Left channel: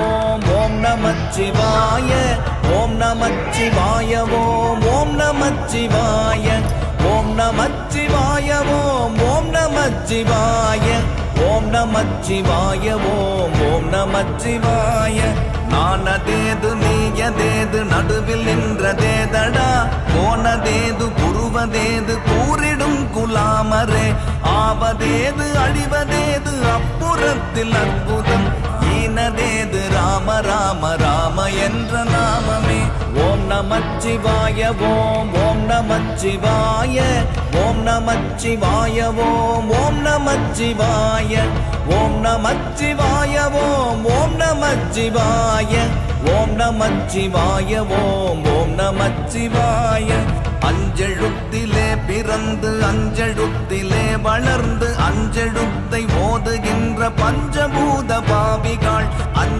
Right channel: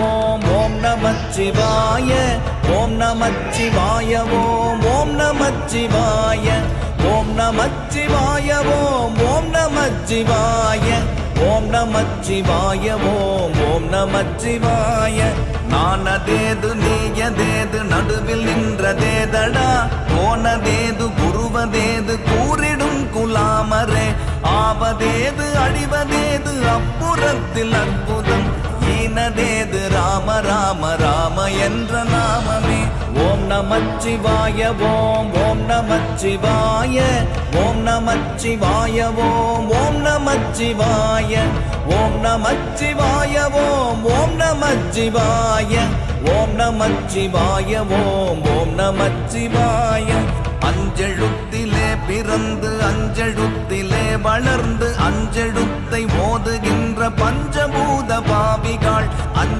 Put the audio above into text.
ஓம் ஓம் நமச்சிவாய ஓம் நமச்சிவாய ஓம் ஓம் நமச்சிவாய ஓம் நமச்சிவாய ஓம் ஓம் நமச்சிவாய ஓம் நமச்சிவாய ஓம் ஓம் நமச்சிவாய நானதேது நீயதேது நடுவில் நின்றதேதடா போனதேது புருவதேது கூறிடும் குலாமரே ஆவதேது அடிவதேது அப்புறத்தில் அற்புதம் ஈனதேது ராம ராம ராம என்ற நாமமே ஓம் நமச்சிவாய ஓம் ஓம் நமச்சிவாய ஓம் நமச்சிவாய ஓம் ஓம் நமச்சிவாய ஓம் நமச்சிவாய ஓம் ஓம் நமச்சிவாய ஓம் நமச்சிவாய ஓம்